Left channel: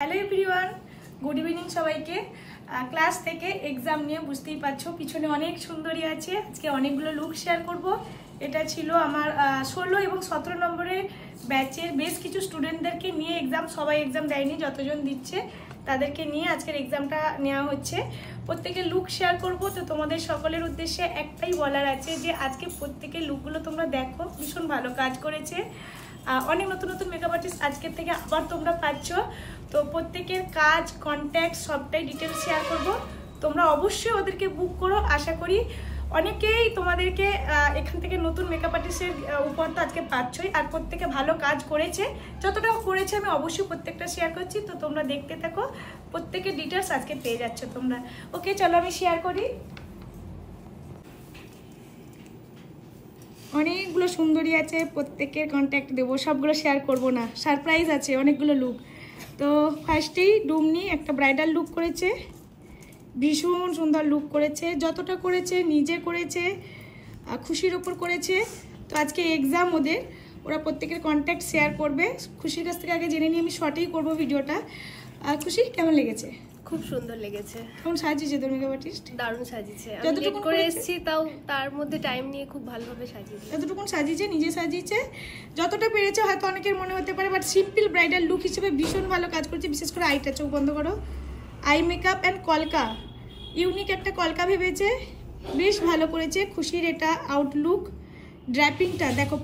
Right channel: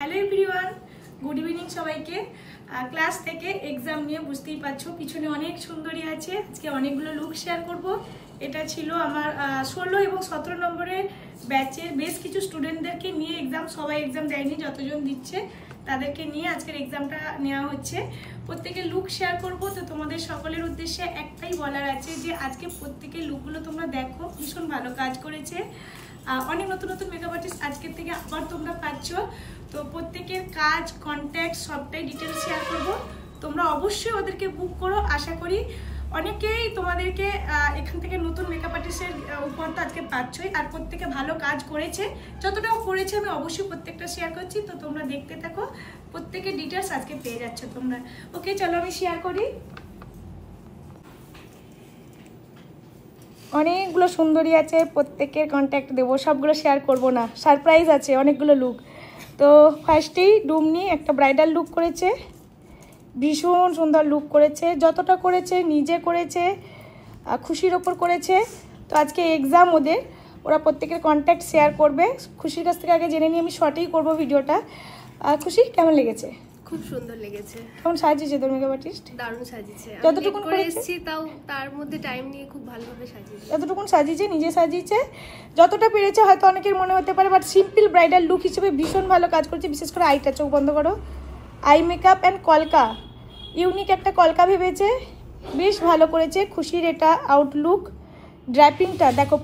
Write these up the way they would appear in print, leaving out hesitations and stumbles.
Hello everyone, good evening সবাইকে। Class থেকে exam নিয়ে বুঝতেই পারছো পিছনে অনেক সুন্দরী আছে। আজকে অনেকগুলো লুক শেয়ার করব। এটা ছিল আমার 16 এবং 17 নম্বরের ব্যাচের বেশ কিছু স্টুডেন্টদেরকে নিয়ে এক্সাম। সবাই এক্সাম দেয়নি, যতজন দিচ্ছে তাদেরকে নিয়ে আজকের এক্সামটা নেওয়া হচ্ছে। প্রত্যেকের লুক শেয়ার করব। তো তোমাদের সকলের উদ্দেশ্যে একটাই বলার আছে যে আজকে প্রত্যেকের লুকগুলো তোমরা দেখো, ভীষণ ভালো কাজ করেছে। অনেক নতুন নতুন মেকআপ আর্টিস্ট আজকের থেকে আবার তোমরা পাচ্ছ। তো প্রত্যেকের কাজ, কন্ট্যাক্ট সবটাই ডিটেলস শেয়ার করব। তোমরা অবশ্যই ওদেরকে বুক করো। আশা করি অনেকেই তোমাদেরকে এখান থেকে নতুন মেকআপ আর্টিস্টের উপহার তো আজকে পাচ্ছই, আর প্রত্যেকে ভালো কাজ করেছে। যতটা করেছে আমি অবশ্যই প্রত্যেকটা শেয়ার করছি। তো তোমরা দেখতে থাকো, প্রত্যেকের ডিটেলস আজকে পেয়ে যাচ্ছ তোমরা। ওকে, চলো আমি শেয়ার করি। অনেকগুলো সুন্দরী আছে, প্রত্যেকের কন্ট্যাক্ট দেবো, সবগুলো শেয়ার করব না, সারপ্রাইজ আছে অনেকগুলো লুক। তো ফার্স্টেই ডুমনি একটা ব্রাইডাল লুক করেছে, ভীষণ সুন্দর লুক করেছে। যতটা করেছে নিজে করেছে, খুশির ওপর করেছে। তো আজকে এক্সাম ওদের, ওরা প্রত্যেকের কন্ট্যাক্ট শেয়ার করবে। খুশির কাছ থেকে আগে জেনে নিই, আমি শর্টেই করবো ভিডিওটা। খুশি, কেমন লেগেছে? খুব সুন্দর লেগেছে। কেমন সাজিয়েছে তোর মেকআপ আর্টিস্ট? দারুণ সাজিয়েছে। যতটুকু করে এসেছি তাও তার মধ্যে টাইম নিয়ে খুব ভালোভাবে সাজিয়েছে। যতটুকু সাজিয়েছে নিজে সাজিয়েছে, যতটা পেরেছে। হয়তো অনেকের মনে হতে পারে, বাট সিম্পল ব্রাইডাল লুক হিসেবে ভীষণ ভালো কাজ করেছে। বিশেষ করে আইটা, চোখ বন্ধ করো, আই মেকআপ অ্যান্ড কলকা, ইউনিক একটা কলকা ভেবেছে, বেশ ভালো করেছে। খুশির এটা আউটলুক। ড্র্যাপিংটা দেখো,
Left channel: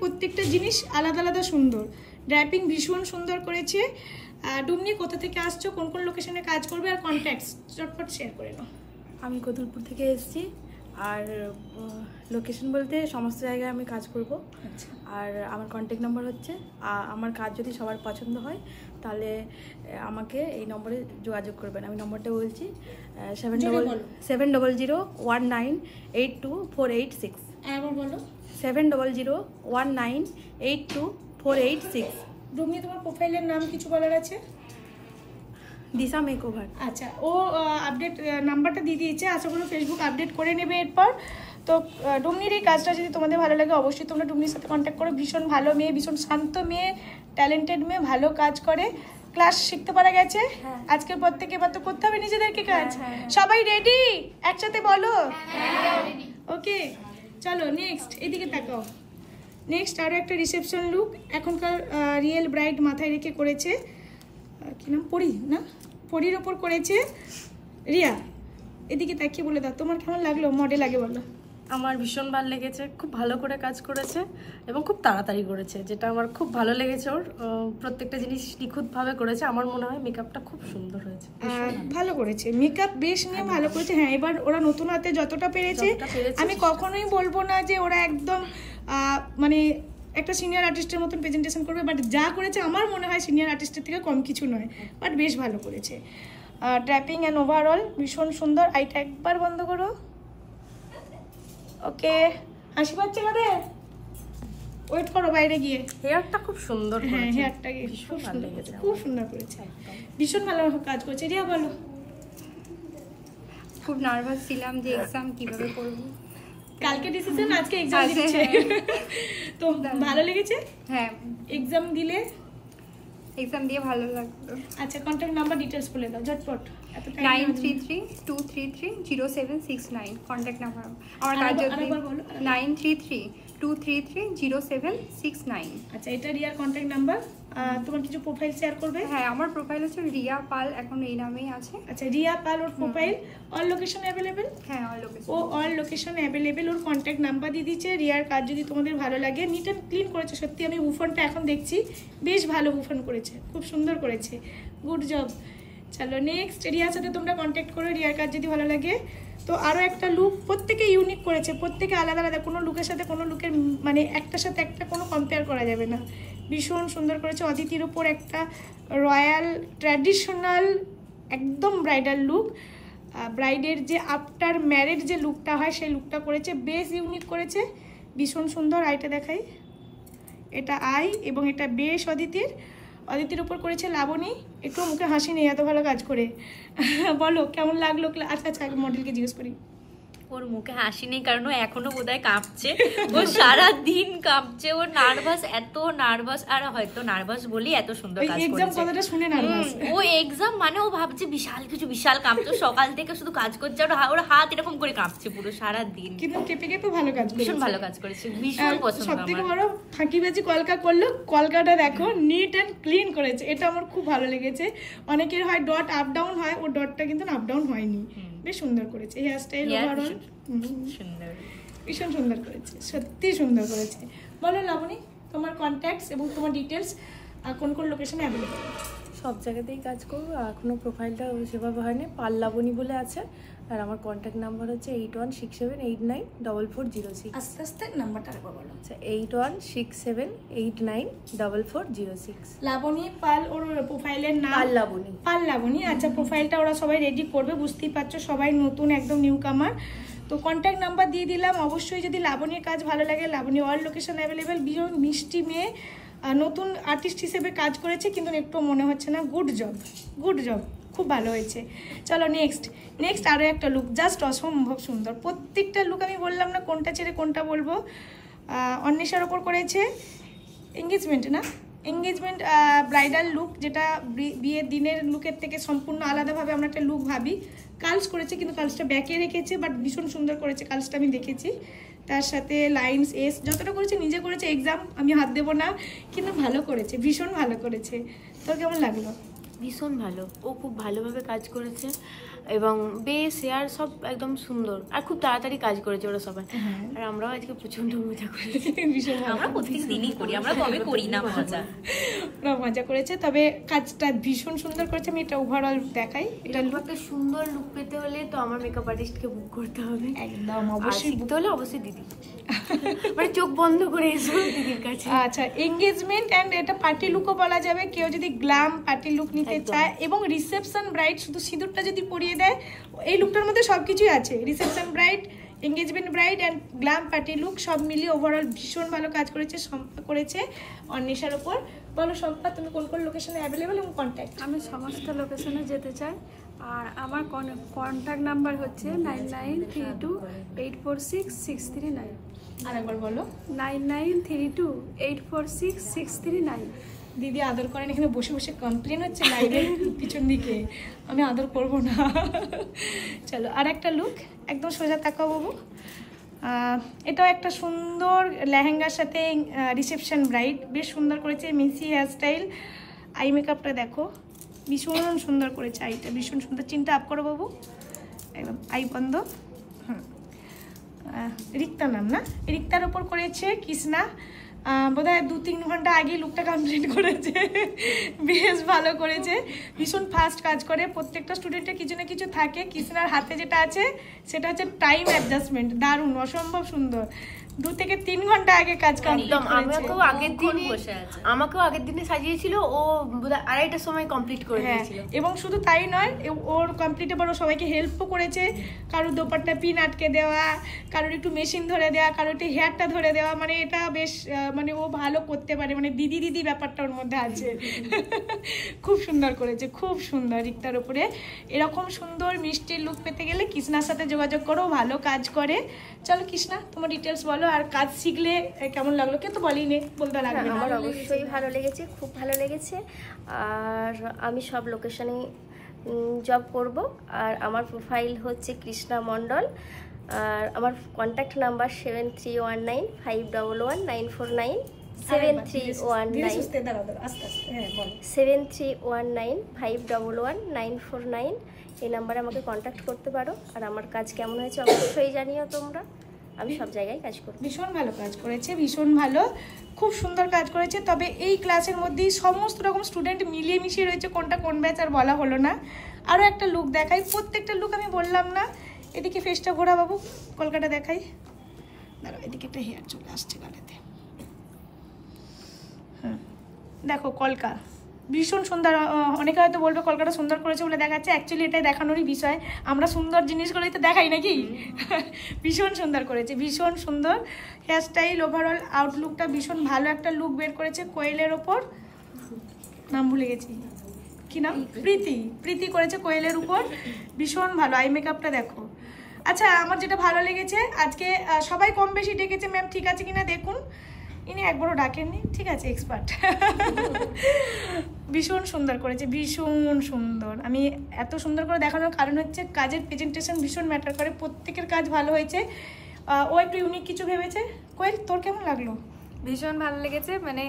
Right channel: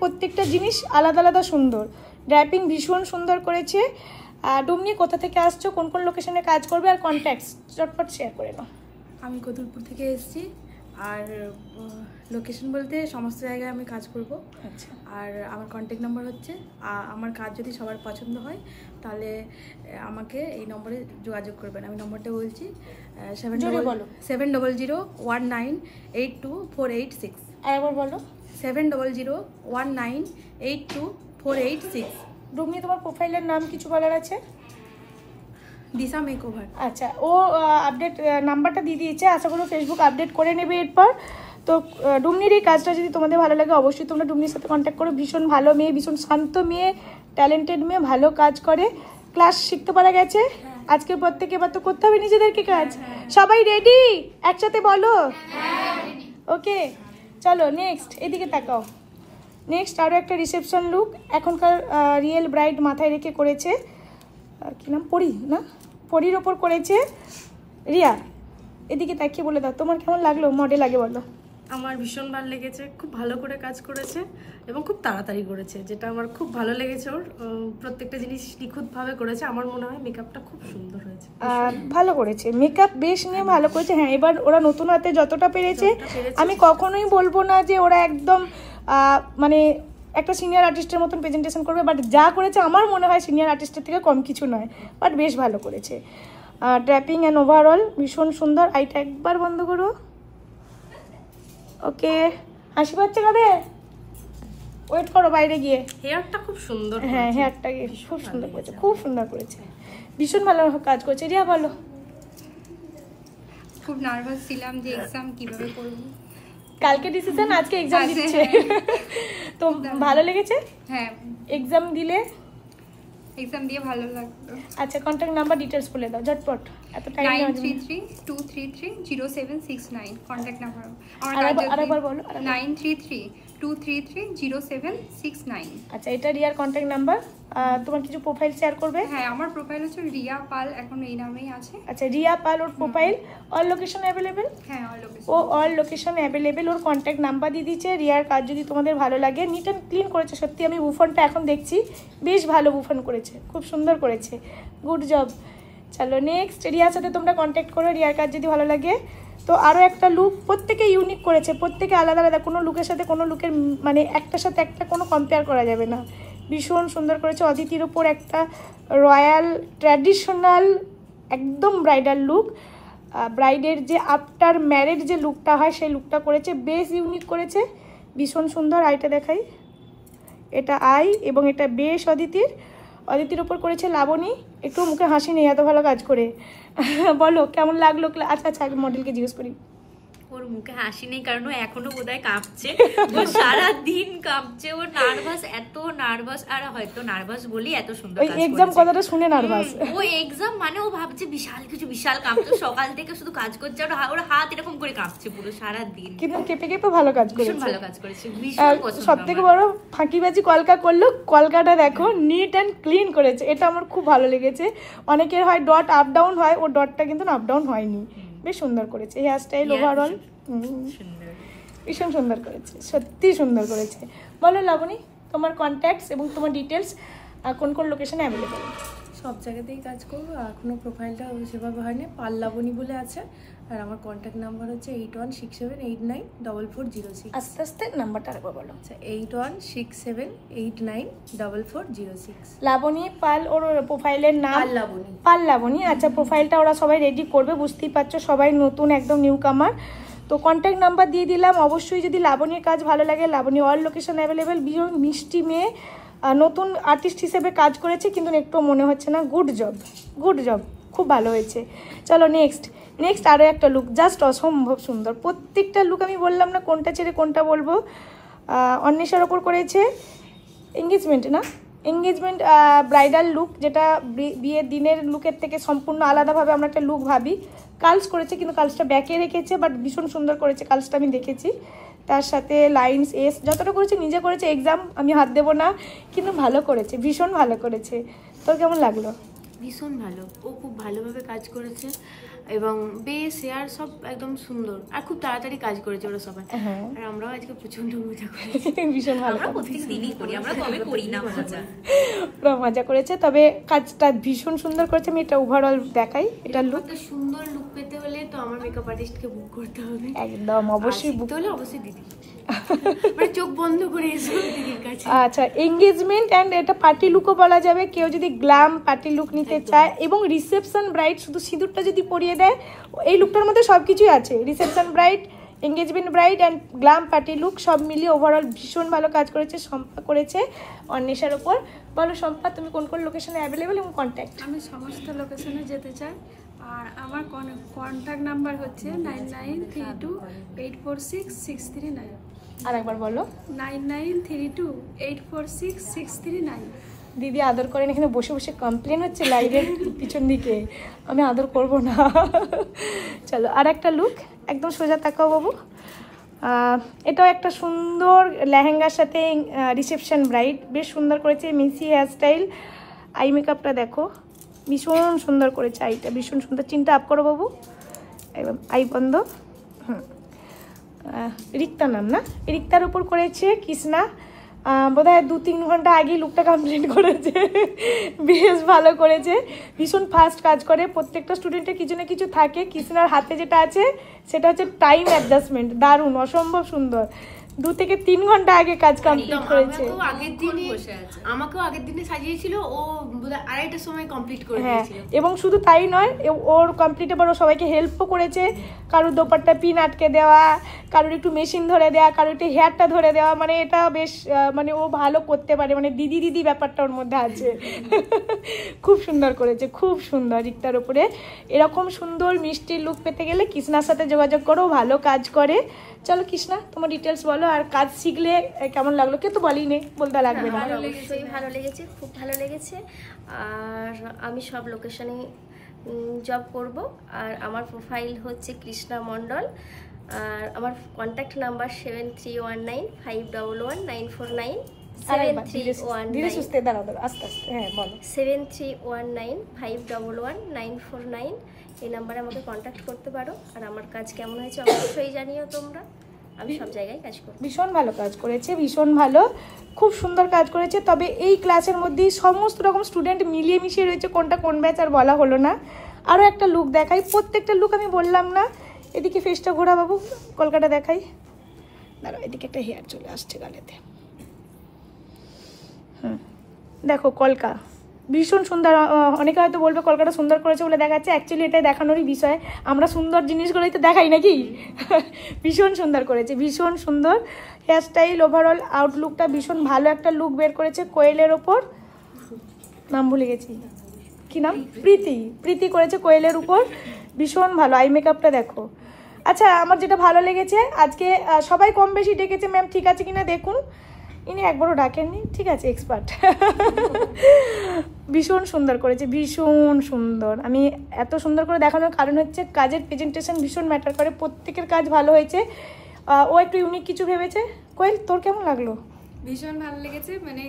প্রত্যেকটা জিনিস আলাদা আলাদা সুন্দর। ড্র্যাপিং ভীষণ সুন্দর করেছে। ডুমনি, কোথা থেকে আসছো, কোন কোন লোকেশনে কাজ করবে, আর কন্ট্যাক্টস চটপট শেয়ার করে নাও। আমি কতুলপুর থেকে এসেছি, আর লোকেশন বলতে সমস্ত জায়গায় আমি কাজ করব। আচ্ছা, আর আমার কন্ট্যাক্ট নাম্বার হচ্ছে, আমার কাজ যদি সবার পছন্দ হয় তাহলে আমাকে এই নম্বরে যোগাযোগ করবেন। আমি নম্বরটা বলছি 7001982486। একবার বলো। 7001982486। ডুমনি, তোমার প্রোফাইলের নাম কিছু বলার আছে? দিশা মেকওভার। আচ্ছা, ও আপডেট নাম্বারটা দিয়ে দিয়েছে। আশা করি ফেসবুক আপডেট করে নেবে এরপর। তো ডুমনির এই কাজটা যদি তোমাদের ভালো লাগে, অবশ্যই তোমরা ডুমনির সাথে কন্ট্যাক্ট করো। ভীষণ ভালো মেয়ে, ভীষণ শান্ত মেয়ে, ট্যালেন্টেড মেয়ে, ভালো কাজ করে। ক্লাস শিখতে পারা গেছে আজকে। প্রত্যেকে এবার তো করতে হবে নিজেদেরকে কাজ। সবাই রেডি? একসাথে বলো। ওকে, চলো নেক্সট, এদিকে তাকাও। নেক্সট আরও একটা রিসেপশন লুক। এখনকার রিয়েল ব্রাইড মাথায় রেখে করেছে, কি নাম, পরি না, পরির ওপর করেছে রিয়া। এদিকে তাকিয়ে বলে দাও তোমার কেমন লাগলো, মডেল আগে বলো। আমার ভীষণ ভালো লেগেছে, খুব ভালো করে কাজ করেছে এবং খুব তাড়াতাড়ি করেছে, যেটা আমার খুব ভালো লেগেছে। ওর প্রত্যেকটা জিনিস নিখুঁতভাবে করেছে। আমার মনে হয় মেকআপটা খুব সুন্দর হয়েছে, ভালো করেছে। মেকআপ বেশ নিয়ে ভালো করেছে। হ্যাঁ, এবার ওরা নতুন হাতে যতটা পেরেছে, আমি কখনোই বলবো না যে ওরা একদম মানে একটা সিনিয়র আর্টিস্টের মতন প্রেজেন্টেশন করবে, বাট যা করেছে আমার মনে হয় সিনিয়র আর্টিস্টের থেকে কম কিছু নয়, বাট বেশ ভালো করেছে। ড্র্যাপিং অ্যান্ড ওভারঅল ভীষণ সুন্দর। আইটা একবার বন্ধ করো। ওকে, হাসি পাচ্ছে কাদের? ওয়েট করো বাইরে গিয়ে। হেয়ারটা খুব সুন্দর। হ্যাঁ, হেয়ারটা খুব সুন্দর করেছে, খুব সুন্দর করেছে, ভীষণ ভালো কাজ করছে। রিয়া বলো। খুব নার্ভাস ছিলাম যে এক্সাম কিভাবে করব। কালকে ডিসিশন, আজকে এক্সাম দিচ্ছে। তো ভালো লেগেছে? হ্যাঁ, এক্সাম দিলে এক্সাম দিয়ে ভালো লাগলো। আচ্ছা, কন্ট্যাক্ট নাম্বার ডিটেলস বলে দাও ঝটপট, এত টাইম। 9332330769 contact number. আমার কাজ আরেকবার বলো। 9332330769। আচ্ছা, এটা রিয়ার কন্ট্যাক্ট নাম্বার। তোমার কিছু প্রোফাইল শেয়ার করবে? হ্যাঁ, আমার প্রোফাইল হচ্ছে রিয়া পাল, এখন এই নামেই আছে। আচ্ছা, রিয়া পাল ওর প্রোফাইল। All location available? হ্যাঁ, অল লোকেশন। ও অল লোকেশন অ্যাভেলেবেল। ওর কন্ট্যাক্ট নাম্বার দিয়ে দিচ্ছে। রিয়ার কাজ যদি তোমাদের ভালো লাগে, নিট অ্যান্ড ক্লিন করেছে সত্যি। আমি বুফনটা এখন দেখছি, বেশ ভালো বুফন করেছে, খুব সুন্দর করেছে, গুড জব। চলো নেক্সট, রিয়ার সাথে তোমরা কন্ট্যাক্ট করো রিয়ার কাজ যদি ভালো লাগে। তো আরও একটা লুক, প্রত্যেকে ইউনিক করেছে, প্রত্যেকে আলাদা আলাদা, কোনো লুকের সাথে কোনো লুকের মানে একটার সাথে একটা কোনো কম্পেয়ার করা যাবে না। ভীষণ সুন্দর করেছে। অদিতির ওপর একটা রয়্যাল ট্র্যাডিশনাল একদম ব্রাইডাল লুক। ব্রাইডের যে আফটার ম্যারেজ যে লুকটা হয় সেই লুকটা করেছে, বেশ ইউনিক করেছে, ভীষণ সুন্দর। আইটা দেখাই, এটা আই এবং এটা বেশ অদিতির ওপর করেছে লাবণী। একটু মুখে হাসি নেই, এত ভালো কাজ করে। বলো কেমন লাগলো? আচ্ছা, মডেলকে জিজ্ঞেস করি। ওর মুখে হাসি নেই, কারণ ও এখনো বোধহয় কাঁপছে। ও সারা দিন কাঁপছে, ও নার্ভাস, এত নার্ভাস। আর হয়তো নার্ভাস বলি এত সুন্দর কাজ করেছে। এক্সাম কথাটা শুনে নার্ভাস। ও এক্সাম মানে ও ভাবছে বিশাল কিছু, বিশাল কাঁপছে। সকাল থেকে শুধু কাজ করছে, ওর হাত এরকম করে কাঁপছে পুরো সারা দিন। কিন্তু কেঁপে কেঁপে ভালো কাজ করেছে, ভীষণ ভালো কাজ করেছে, ভীষণ পছন্দ। সবথেকে বড় ফাঁকিবাজি কলকা করলো, কলকাটা দেখো নিট অ্যান্ড ক্লিন করেছে, এটা আমার খুব ভালো লেগেছে। অনেকের হয় ডট আপ ডাউন হয়, ও ডটটা কিন্তু আপ ডাউন হয়নি, বেশ সুন্দর করেছে। হেয়ার স্টাইল ওভারঅল ভীষণ সুন্দর করেছে, সত্যি সুন্দর করেছে। বলো লাবণী, তোমার কন্ট্যাক্টস এবং তোমার ডিটেলস কোন কোন লোকেশনে অ্যাভেলেবল? সব জায়গাতেই কাজ করবো, এখনও প্রোফাইলটা সেভাবে হয়নি। পাল্লাবনী বলে আছে, আর আমার কন্ট্যাক্ট নাম্বার হচ্ছে 8167894406। আস্তে আস্তে নাম্বারটা আরেকবার বলো। আচ্ছা, 8167894406। লাবণী পাল ওর প্রোফাইলের নাম। পাল্লাবনী। পাল্লাবনী, আচ্ছা। প্রোফাইলটা ওরা সবাই রেডি করবে, বুঝতেই পারছো সবাই নতুন, একদম নিউ কামার। তো কন্ট্যাক্ট নাম্বার দিয়ে দিলাম। অবশ্যই যদি লাবণীর কাজ ভালো লাগে, লাবণী অল লোকেশন অ্যাভেলেবেল। ভীষণ মিষ্টি মেয়ে, নতুন আর্টিস্ট হিসেবে কাজ করেছে, কিন্তু একটু মনে হচ্ছে না। গুড জব, গুড জব, খুব ভালো হয়েছে। চলো নেক্সট আরও একটা লুক, জাস্ট অসম্ভব সুন্দর। প্রত্যেকটা লুক আমি বললাম না কোনটা ছেড়ে কোনটা বলবো। অন্বেষার ওপর করেছে এঙ্গেজমেন্ট, না এঙ্গেজমেন্ট ব্রাইডাল লুক, যেটা বিয়ের দিনের লুকের থেকে সম্পূর্ণ আলাদাভাবে আমরা একটা লুক ভাবি। কালস করেছে, কিন্তু কালসটা ব্যাকে রেখেছে, বাট ভীষণ সুন্দর করেছে কালসটা, আমি দেখেছি। তার সাথে লাইন্স এস যতটা করেছে নিজে করেছে। এক্সাম আমি হাত দেবো না, কিন্তু ভালো করেছে, ভীষণ ভালো করেছে। তোর কেমন লাগলো? ভীষণ ভালো, ও খুব ভালোভাবে কাজ করেছে এবং বেশ হেয়ার সব একদম সুন্দর, আর খুব তাড়াতাড়ি কাজ করেছে ওরা সবাই। আর আমরাও আজকে প্রচন্ড মজা করেছি, ভীষণ ভালো। আমরা প্রত্যেক দিনই করি, আমরা কবে করি না মজা। ওরা মজা করেছে, তবে কাজটা ভীষণ সুন্দর করেছে। আমি এটা ওভারঅল দেখাই। এটা একটা সুন্দর লুক পেতে হলে তো আমার মেকআপ আর্টিস্টকে বুক করতে হবে, একদম অবশ্যই। শিখতে হলে অবশ্যই দিদি, মানে চোখ বন্ধ করে এসো দিদির কাছে। আচ্ছা, এঙ্গেজমেন্ট অ্যান্ড এটা পার্টি লুকও বলা যাবে। কেউ যদি গ্ল্যাম পার্টি লুক নিতে চায়, এবং রিসেপশন ব্রাইড শুধু সিঁদুরটা যদি পরিয়ে দেয়, এই লুকটার মধ্যে সবকিছুই আছে। Reception bride, engagement bride and glam party look সব মিলিয়ে ওভারঅল ভীষণ ভালো কাজ করেছে। শম্পা করেছে অন্বেষার ওপর। বলো শম্পা, তুমি কোন কোন লোকেশনে অ্যাভেলেবল এবং কন্ট্যাক্ট? আমি সমস্ত লোকেশনে যেতে চাই, আর আমার কন্ট্যাক্ট নাম্বার হচ্ছে 9932846639। আর একবার বলো। 9932846639। দিদি আদর করেন, এখানে বসে বসে কমপ্লেন হচ্ছে লাইভের পিছন দিকে, আমি আদর করব না। চলো আর একটা লুক, একদম সোজা তাকাও বাবু। এটাও একটা সুন্দর লেহেঙ্গার সাথে রিসেপশন ব্রাইড, বেশ সুন্দর করেছে। মিসি হেয়ার স্টাইল, আই মেকআপটা দেখো, ভীষণ সুন্দর করেছে। আইটা ভীষণ সুন্দর। চিন্তা আপ করো বাবু, এবার আই বন্ধ। রিক্তা ম্যাম, না রিক্তার উপর করেছে কৃষ্ণা। বোধহয় 2-3 ঘন্টা আগে লুকটা কমপ্লিট করেছে, বেশ ভালো করেছে। ভীষণ ফাস্ট কাজ করে। প্রত্যেকটা স্টুডেন্টের কিছু না কিছু থাকে। কৃষ্ণার হাতে যেটা আছে সেটা হচ্ছে টাইম অ্যাডজাস্টমেন্ট, দারুণ, অসম্ভব সুন্দর। 2 থেকে 3 ঘন্টা আগে কাজ কমপ্লিট করেছে। আমাকেও আগের দিনে সাজিয়েছিল, ও বোধহয় 2:30টার সময় কমপ্লিট করে দিয়েছিল। এবং শুধু তাই নয়, ওর কমপ্লিট এবার ও সবাইকে হেল্পও করেছে। কারোর দোপাট্টা পিন আটকে দেওয়া, কারোর একটু মেশিন ধরে দেওয়া, কারোর একটু হেয়ারটা ধরে দেওয়া, মানে এটা বেশ মানে ও ভালো করতে পারে, মানে দিদি দিদি ব্যাপারটা ওর মধ্যে আছে। খুব সুন্দর করেছে, খুব সুন্দর। রিক্তার উপরে এরকম সুন্দর মিষ্টি লুক পেতে গেলে কৃষ্ণার সাথে যোগাযোগ করো, ভালো কাজ করে। চলো কৃষ্ণা, তোমার ডিটেলস বলো, আর কাজ শিখলে কেমন লাগলো? কে তো বলিনি, বলতে লাগবে। আমার অবশ্যই ভালো লেগেছে, খুব ভালো লেগেছে। আর আমি সব লোকেশনে জব করব। আর আমার প্রোফাইল হচ্ছে কৃষ্ণা মণ্ডল, আর আমার কন্ট্যাক্ট নাম্বার 7319511949 731951951149। এই নাম্বারে আমাকে কন্ট্যাক্ট করতে পারো। আর আমার কাজ কেমন হয়েছে অবশ্যই জানিও তোমরা, আমি সব জায়গায় কাজ করব। ভীষণ ভালো কাজ করেছে, ভীষণ ভালো, খুব সুন্দর কাজ করেছে। তবে এই ক্লাসের মধ্যেই সমস্ত রকম স্টুডেন্ট মিলিয়ে মিশিয়ে রয়েছে, কোনটা কোন ব্যাচ আর বলা হলো না। আরও একটা লুক দেখাই, প্রত্যেকটা লুক আমি বললাম না। এদিকে ফেসটা ঘোরা বাবু, কলকাতা দেখাই। দাঁড়াও, এদিকে একটা হেয়ার চলে আসছে গাড়িতে। দেখো কলকা ভীষণ সুন্দর। অনেকে হয়তো বলবে কলকাতা সুন্দর করেছে বলে দেখাচ্ছে, অ্যাকচুয়ালি এটা দেখানোরই বিষয়। আমরা সুন্দর জিনিসগুলোই তো দেখাই নাকি। ভীষণ সুন্দর করেছে, ভীষণ সুন্দর। হেয়ার স্টাইল, ওভারঅল আউটলুকটা ভীষণ ভালো একটা লুক বের করেছে। কোয়েলের ওপর নাম ভুলে গেছি, কি নাম, প্রীতি করেছে কোয়েলের উপর, ভীষণ ভালো। আই মেকআপটা দেখো, আচ্ছা, আমার যেটা ভালো লেগেছে আজকে সবাই কম বেশি ডেকেছে, ম্যাম ঠিক আছে কিনা দেখুন, ইনি একবারও ডাকেননি, ঠিক আছে, এক্সপার্ট। ভীষণ সুন্দর করেছে, ভীষণ সুন্দর। আমি এত সুন্দর করে দেখানোর কারণ হচ্ছে কাজের প্রেজেন্টেশন ভীষণ ম্যাটার করে, প্রত্যেকের কাজ ভালো হয়েছে। ও একটু ইউনিক কিছু ভেবেছে। কোয়েল, তোর কেমন লাগলো? ভীষণ ভালো লেগেছে, মানে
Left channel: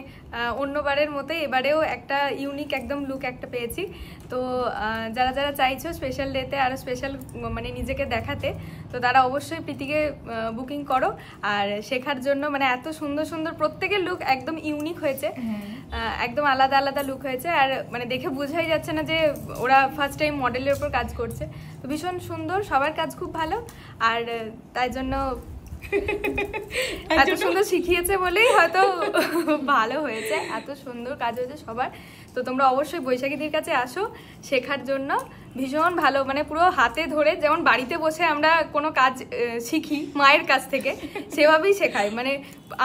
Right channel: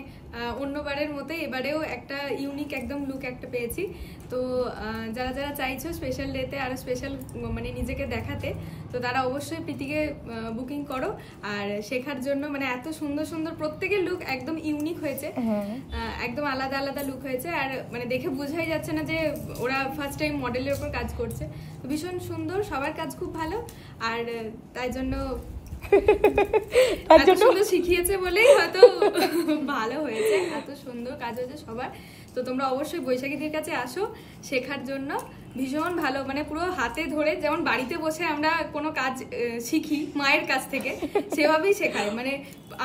অন্যবারের মতোই এবারেও একটা ইউনিক একদম লুক একটা পেয়েছি। তো যারা যারা চাইছো স্পেশাল ডেতে আরও স্পেশাল মানে নিজেকে দেখাতে, তো তারা অবশ্যই প্রীতিকে বুকিং করো। আর শেখার জন্য মানে এত সুন্দর সুন্দর প্রত্যেকের লুক একদম ইউনিক হয়েছে, একদম আলাদা আলাদা লুক হয়েছে। আর মানে দেখে বোঝাই যাচ্ছে না যে ওরা ফার্স্ট টাইম মডেলের উপর কাজ করছে। তো ভীষণ সুন্দর, সবার কাজ খুব ভালো। আর তাই জন্য এত সুন্দর শিখিয়েছে বলেই হয়তো ভালো হয়েছে, এত সুন্দর কাজ হয়েছে সবার। তো তোমরা অবশ্যই বৈশাখীদের কাছে আসো শেখার জন্য, ভীষণ ভালো, মানে পুরো হাতে ধরে যেমন বাড়িতে বসে আমরা কোনো কাজ শিখি মায়ের কাছ থেকে, সেভাবেই শেখায়, মানে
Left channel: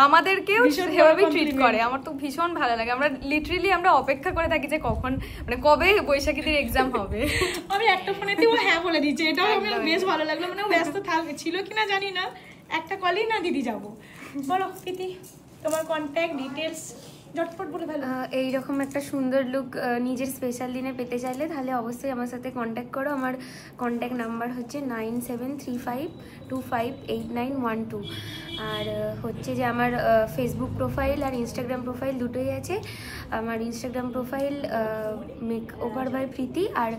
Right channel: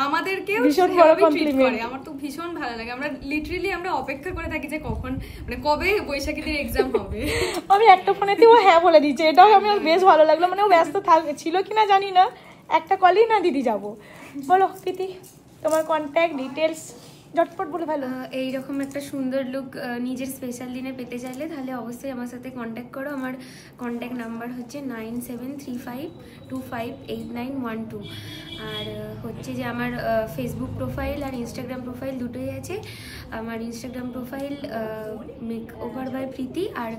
আমাদেরকেও সেভাবেই ট্রিট করে। আমার তো ভীষণ ভালো লাগে। আমরা লিটারেলি আমরা অপেক্ষা করে থাকি যে কখন, মানে কবে বৈশাখীদের এক্সাম হবে। আমি একটা ফোনেতে ও হ্যাঁ বলে দিচ্ছে, এটাও আমি বেশ ভালো লাগলো। মানে ও ব্যস্ত ছিল কিনা জানি না, একটা কলই না দিদি যাবো। বলো প্রীতি, তোমার কন্ট্যাক্ট ডিটেলস ঝটপট বলে ভালো। এইরকম একটা সুন্দর লুক নিজের স্পেশাল দিনে পেতে চাইলে তাহলে অবশ্যই আমার সাথে কন্ট্যাক্ট করো। আমার কন্ট্যাক্ট নাম্বার হচ্ছে 9735258912। আর হচ্ছে যে আমার ফেসবুক প্রোফাইল আর ইনস্টাগ্রাম প্রোফাইল দুটোই আছে। আমার Instagram profile makeover by Preeti, আর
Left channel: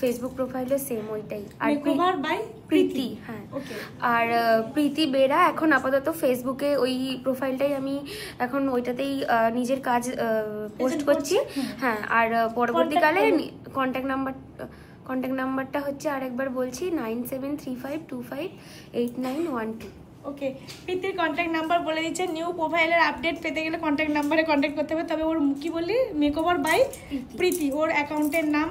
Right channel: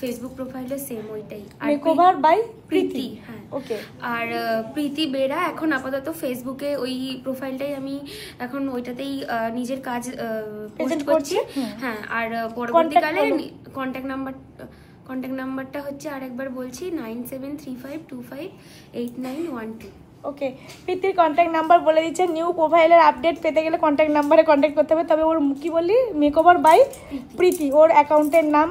ফেসবুক প্রোফাইলও সেম ওইটাই, আর মেকওভার বাই প্রীতি। হ্যাঁ, ওকে। আর প্রীতি বেরা এখন আপাতত ফেসবুকে ওই প্রোফাইলটাই আমি এখন ওইটাতেই নিজের কাজ পোস্ট করছি। হ্যাঁ, আর পরবর্তীকালে কন্ট্যাক্ট নাম্বারটা হচ্ছে আরেকবার বলছি 9735258912। ওকে, প্রীতির কন্ট্যাক্ট নাম্বার বলে দিচ্ছে। নিউ প্রোফাইলের আপডেট পেতে গেলে কন্ট্যাক্ট নাম্বারে কন্ট্যাক্ট করতে হবে। তবে ওর কি বললি, মেকওভার বাই প্রীতি ওর অ্যাকাউন্টের নাম,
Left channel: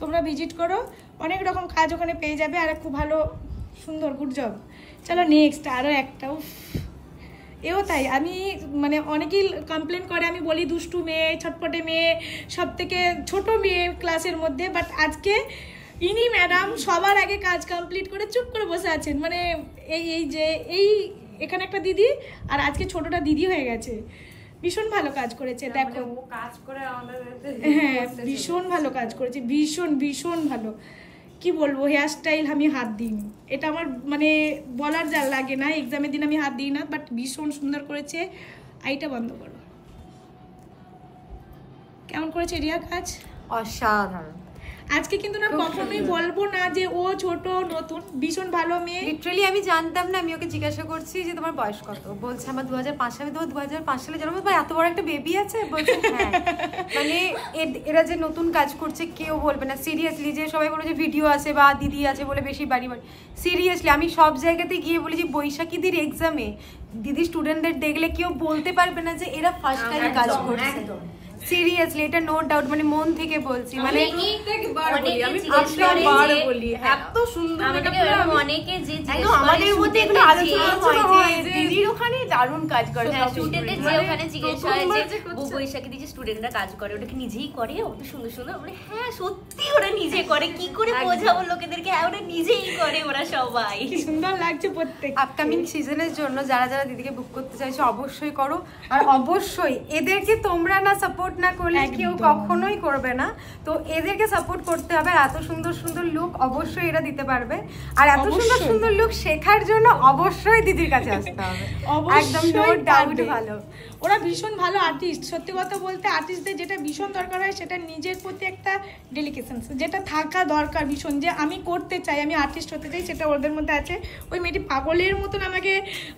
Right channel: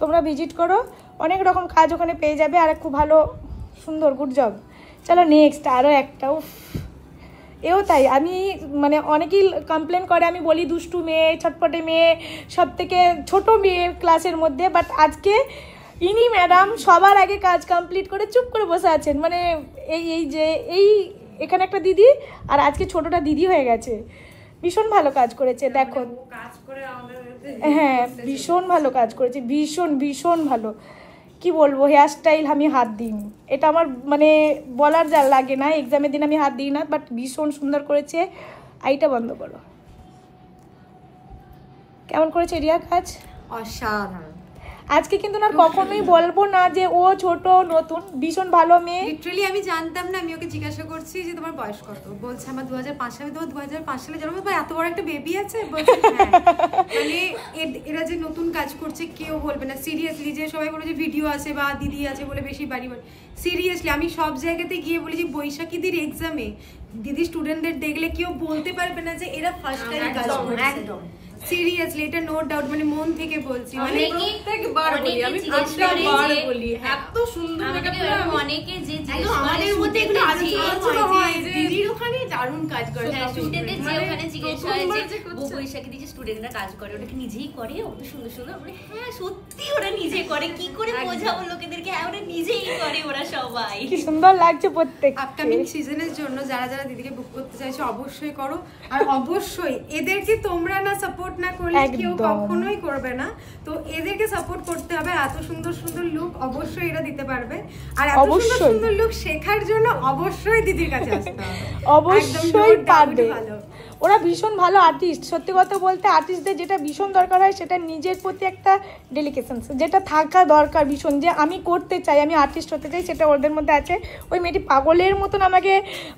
তোমরা ভিজিট করো, অনেক রকম কাজ ওখানে পেয়ে যাবে। আর খুব ভালো সুন্দর, গুড জব। চলো নেক্সট আরও একটাও, এও তাই। আমি মানে অনেকেই কমপ্লেন করে আমি বলি দুষ্টু মেয়ে, ছটপটে মেয়ে, সব থেকে ছোটো মেয়ে ক্লাসের মধ্যে, বাট আজকে ইনি ম্যাডাম সবার আগে কাজ কমপ্লিট করে চুপ করে বসে আছেন। মানে এই এখানে একটা দিদি, আর আজকে ছোটটা দিদি হয়ে গেছে। ভীষণ ভালো কাজ করেছে, দেখো। হ্যাঁ, ভীষণ ভালো কাজ করেছে, ভীষণ ভীষণ ভালো। কি বলবো, হেয়ার স্টাইল আমি হাত দিইনি, এটা আমার মানে বলার যা লাগে না। এক্সামের দিন আমি হাত দিই না, বাট ভীষণ সুন্দর করেছে। আইটা বন্ধ করো। কেমন করেছে রিয়া কাজ? অসাধারণ। আজকে কিন্তু না কখনোই বলবো না যে ও ছোট নতুন, ভীষণ ভালো মেয়ে। লিটারালি আমি জানতাম না, আমি ওকে জিজ্ঞাসা করছি যে তোমার বয়স কত, বলছে আমার 2005 সালে। তোমার 2005 সালে জন্ম, এত বড় একটা বেবি আছে? বলছে হ্যাঁ। মানে এরা যে নতুন কাজ করছে কেউ বলবে না সিরিয়াসলি, যে সবাই বলে যে ভিডিও আছে বা দিদি আছে বলে বেশি বাড়ি বাড়ি। সিরিয়াসলি আমি সব জায়গাতে গিয়ে বলি যে বৈশাখীদের এক্সামে দিদি স্টুডেন্টদের দেখলে কেউ বলতে পারবে না যে এরা ফার্স্ট টাইম কাজ করছে। একদম সিরিয়াসলি, এটা নো ডাউট, মানে মন থেকে বলছি। মানে এত সুন্দর অনেকে যে আমাদের মধ্যে একটু আলোচনা হয় যে দিদির ওখানে দারুণ কাজ করে, স্টুডেন্টদের যে ওখানে জিজ্ঞেস হয় যে বৈশাখী দিদি স্টুডেন্টরা কাজ করে, ওটা কি নিজেই করে? ওটা সুন্দর সুন্দর, মানে হ্যাঁ সত্যি ওরা নিজে করে। কি করে বোঝাবো লোকেদেরকে? হ্যাঁ, ওরা নিজেই করে, ওরা সবাই। কি সুন্দর লাগছে প্রত্যেক। আপকামিং সিজনের জন্য যারা যারা দিদিকে বুক করতে চাইছো অবশ্যই করো। আর অবশ্যই এদেরকে তোমরা না সাপোর্ট না করলে কেউ কখনোই করবে না। তো এদেরকে সাপোর্ট করতে হবে। আর এত সুন্দর সুন্দর লুক অবশ্যই এরা দিতে পারবে। আর এত সুন্দর সুন্দর লুক শেখার জন্য অবশ্যই দিদির কাছে আসতে হবে। একদম নো ডাউট ভালো। ওরা ভীষণ ভালো আর্টিস্ট। সত্যি কথা বলতে আর্টিস্টদের যেটা ভীষণ দরকার হয় সেটা নিজের প্রতি একটা ডেলিকেশন, যেটা থাকা দরকার ভীষণ, যে আমি করতে চাই, আমি আর্টিস্ট হতে চাই, সেটা ওদের মধ্যে আছে। ওই মেয়েটি পাগলের মতন আমাকে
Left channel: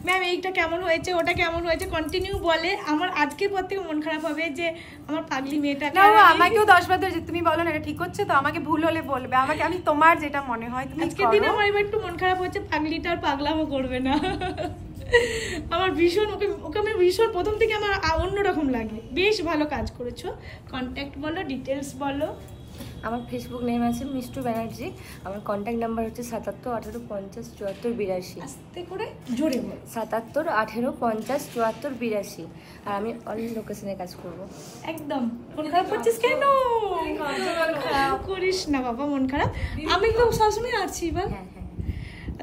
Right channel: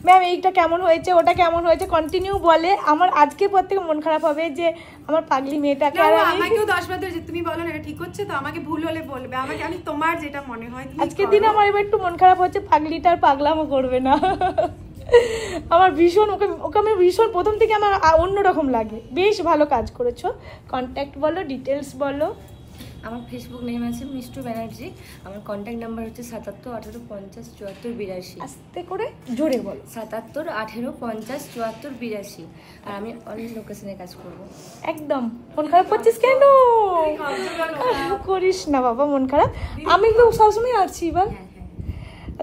ম্যাম এইটা কেমন হয়েছে, ওটা কেমন হয়েছে কন্টিনিউ বলে। আমার আজকের পর থেকে মন খারাপ হবে যে আমার পাগলি মেয়েটাকে। আমাকেও 10 বার ধরে তুমি বলো না এটা ঠিক হচ্ছে, তো আমাকে ভুল হলে বলবে আমাকে, আমি তোমার যেটা মনে হয়। আজকের দিনে আমার এবার একটু মন খারাপ হচ্ছে, পাগলিটার পাগলামও করবে না। আমার ভীষণ ওকে আমি ভীষণ প্রথম থেকে আমার অন্যরকম লাগে। বেশ ভালো কাজ করেছো। কন্ট্যাক্ট বলো, ডিটেলস বলো। আমার ফেসবুক নেম আছে মিষ্টু ব্যানার্জি। আমার কন্ট্যাক্ট নাম্বার হচ্ছে 77 18 50 74 82। আস্তে করে জোরে বল। 77 18 50 74 82। আর আমি অল লোকেশনে কাজ করব। একদম। মন খারাপ করছিস কেন? করিস না বাবা মন খারাপ, আমি তো সবসময় আছি। এবার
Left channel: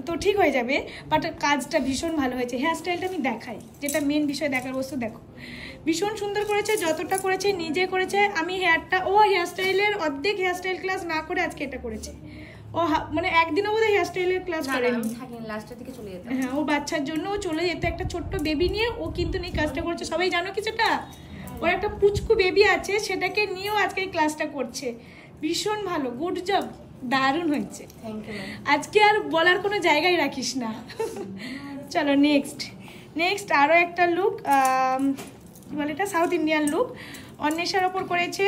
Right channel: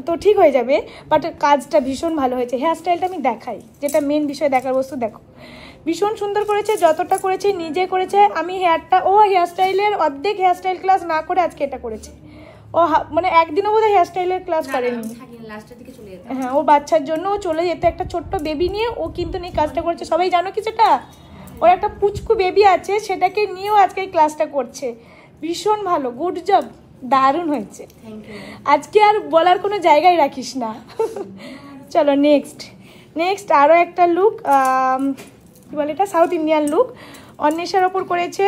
তো ঠিক হয়ে যাবে, বাট কাজটা ভীষণ ভালো হয়েছে। হেয়ার স্টাইলটা আমি দেখাই, যেটা মেন বিষয় দেখার বস্তু। দেখো ভীষণ সুন্দর করেছে, যতটা করেছে নিজে করেছে। আমি হেয়ার স্টাইলের অর্ধেক হেয়ার স্টাইল ক্লাস না করে আজকে এটা করেছে। ও মানে একদিনও বোধহয় হেয়ার স্টাইলের ক্লাস করেনি। হ্যাঁ, ও বাচ্চার জন্য চলে যেত, একটা ছোট্ট বেবি নিয়ে ও কিন্তু এই কাজটা করছে। সবাই জানো কি সেটা, ওর একটা পুচকু বেবি আছে, সেটাকে নিয়েও আজকে এই ক্লাসটা করছে। ভীষণ ভালো, গুড জব, দারুণ হয়েছে। আজকে আর বলার কোনো জায়গায় রাখিস না। চলো নেক্সট আরও একটা লুক, কি বলে এটা, সাউথ ইন্ডিয়ান লুক। অন্বেষার ওপর করেছে,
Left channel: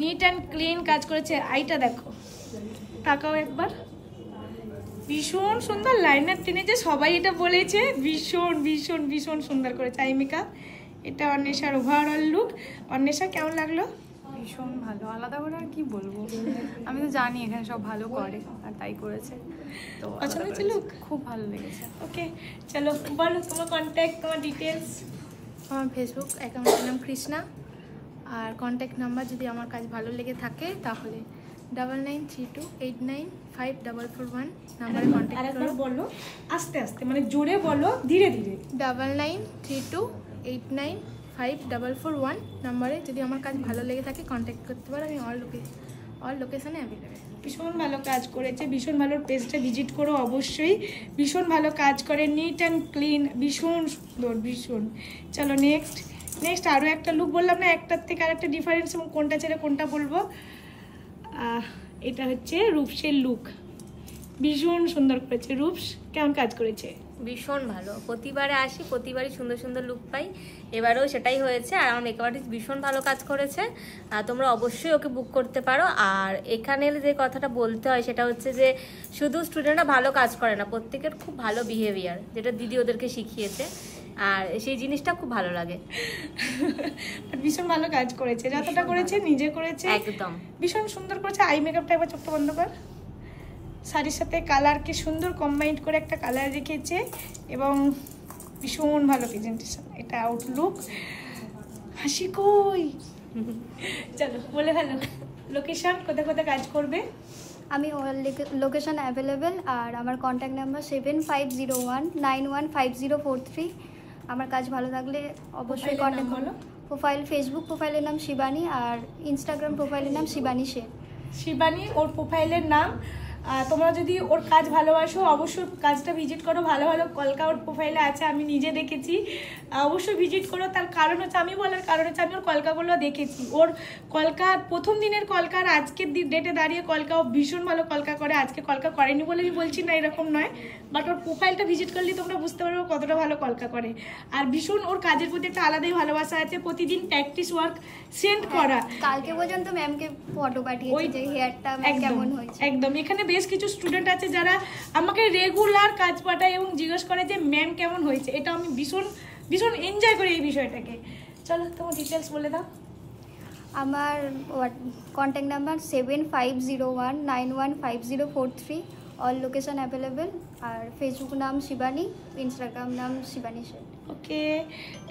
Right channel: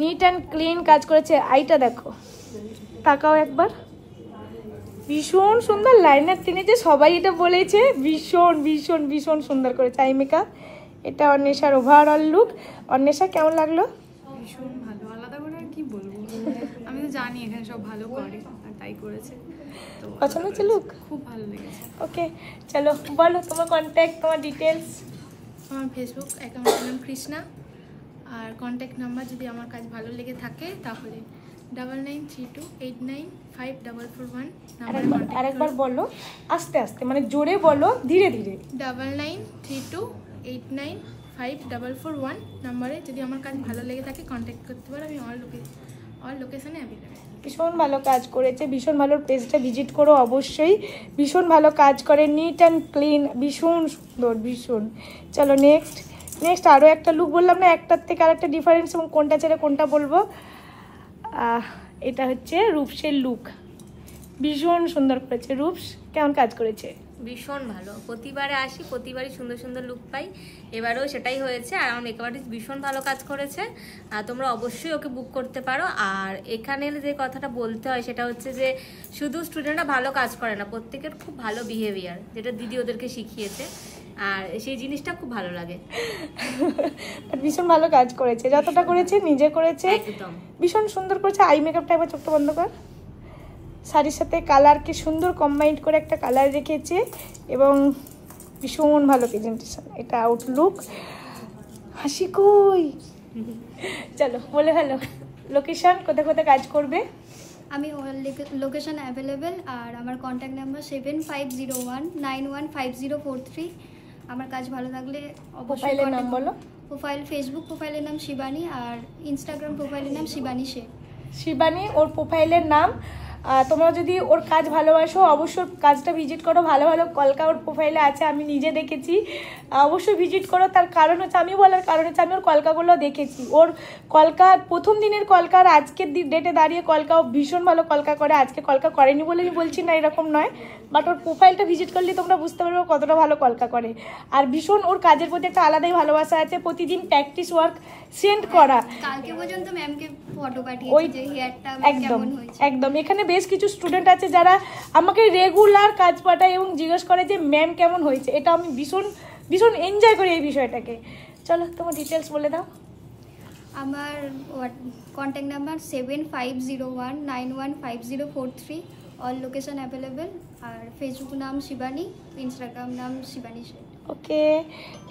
নিট অ্যান্ড ক্লিন কাজ করেছে। আইটা দেখো, তাকাও একবার, ভীষণ সুন্দর লাইনার টেনেছে। সবাই এটা বলেছে, ভীষণ ভীষণ ভীষণ সুন্দর করেছে আই মেকআপ। এটা অন্বেষার ওভারঅল লুক। অন্বেষা কেমন লাগলো? ভীষণ ভালো, আলাদা করে আর কি বলবো, আমি তো জানি এখানে সব ভালো করে আর তাই করেছে, তো পছন্দ হচ্ছে লুক? খুব ভালো লেগেছে। ওকে, চলো বলো তোমার কন্ট্যাক্ট, তোমার ডিটেলস। আমার ফেসবুক অ্যাকাউন্টের নাম কৃষ্ণা, আর কন্ট্যাক্ট নাম্বার যদি আমার কাজ ভালো লেগে থাকে তাহলে 9932895441 নাম্বারে কন্ট্যাক্ট আরেকবার বলো, আস্তে আস্তে, মানে জোরে বলো, ধীরে ধীরে। 9932895441 নাম্বারে যদি আমার কাজ ভালো লেগে থাকে কন্ট্যাক্ট করতে পারো। আমি অল লোকেশনে অ্যাভেলেবেল। ভীষণ ভালো কাজ করেছে, ভীষণ ভালো। পেজটা ভিজিট করো অবশ্যই, ভীষণ ভালো কাজ করে, নিট অ্যান্ড ক্লিন, ভীষণ সুন্দর, ভীষণ। চলো নেক্সট আরও একটা লুক। বললাম না একটার থেকে আরেকটা ডিফারেন্স, এবং কোনটা ছেড়ে কোনটা বলবো। এটা হচ্ছে রূপসের লুক, ভীষণ সুন্দর করেছে। রূপস কেমন কাজ করেছে? ভীষণ ভালো, প্রতিবারে আসি, প্রতিবারই সুন্দর সুন্দর লুক পাই, এবারেও সেটাই হয়েছে। আর আমার মেকআপ আর্টিস্ট ভীষণ ভালো কাজ করেছে, তোমরা অবশ্যই ওকে বুক করতে পারো। আর এখানে যে কথাটা বলতে হয় সেটা হচ্ছে যে শুধু স্টুডেন্টরা ভালো কাজ করে না, প্রত্যেকের খুব ভালো বিহেভিয়ার, যেটা দিদি ওদেরকে শিখিয়েছে, আর সেই জিনিসটা খুব ভালো লাগে। ভীষণ ভালো কাজ করেছে, যতটা করেছে নিজে করেছে, একদম ভীষণ সুন্দর করেছে। আই মেকআপটা একবার চোখটা বন্ধ কর। শাড়ির সাথে কালার কি সুন্দর কম্বাইন্ড করে একটা কালার রেখেছে, এবং ভীষণ ভালো প্রেজেন্টেশন। এটা আউটলুক। হাসি কই? চলো বলে ভালো, লোকেশন কোথায় কোথায় কাজ করবে? আমি লোকেশন অ্যাভেলেবেল, আর আমার কন্ট্যাক্ট নাম্বার 7501915043। আমার কাজ ভালো লাগলে অবশ্যই কন্ট্যাক্ট করো। প্রোফাইল, ফেসবুক প্রোফাইলের নাম শিবানী, আর ইনস্টাগ্রাম প্রোফাইলের নাম শিবানী শেখ। শিবানী ওর প্রোফাইলের নাম। তোমরা যদি ওর কাজ ভালোবাসো অবশ্যই কাজটা ভিজিট করো। ভালো ভালো কলকা ওর প্রোফাইলে আছে, আমি নিজে দেখেছি, অবশ্যই ভিজিট করো। তার কারণ হচ্ছে, আমি বলার কারণ হচ্ছে আমি ওর কলকাগুলো দেখেছি। ওর কলকার প্রথম দিনের কলকার আজকের ডেটে দাঁড়িয়ে কলকা ও ভীষণ ভালো কলকা করে। আজকে কলকা করেনি বলে আমি বলছি না, এরকম নয়, বাট ওর প্রোফাইলটা ভিজিট করলে তোমরা বুঝতে পারবে কতটা ভালো কলকা করে। আর ভীষণ ওর কাজের প্রতি একটা আলাদাই ভালোবাসা আছে, প্রতিদিন প্র্যাকটিস ওয়ার্ক সেন্ড করা। কালকে পর্যন্ত ম্যামকে ফটো পাঠিয়েছি যে হেয়ারটা কেমন হয়েছে। একদম, এখানে বেশ কিছু স্টুডেন্ট আছে যারা আমাকে রেগুলার কাজ পাঠায় এবং জিজ্ঞেস করে যে ম্যাম কেমন হয়েছে। এটা আমি ভীষণ ভীষণ এনজয় করি এই বিষয়টাকে। চলো তোমার ডিটেলস বলে দাও। আমার contact number 7501915043। All location available, আর ফেসবুক নাম শিবানী, ইনস্টাগ্রাম নাম শিবানী শেখ। ওকে,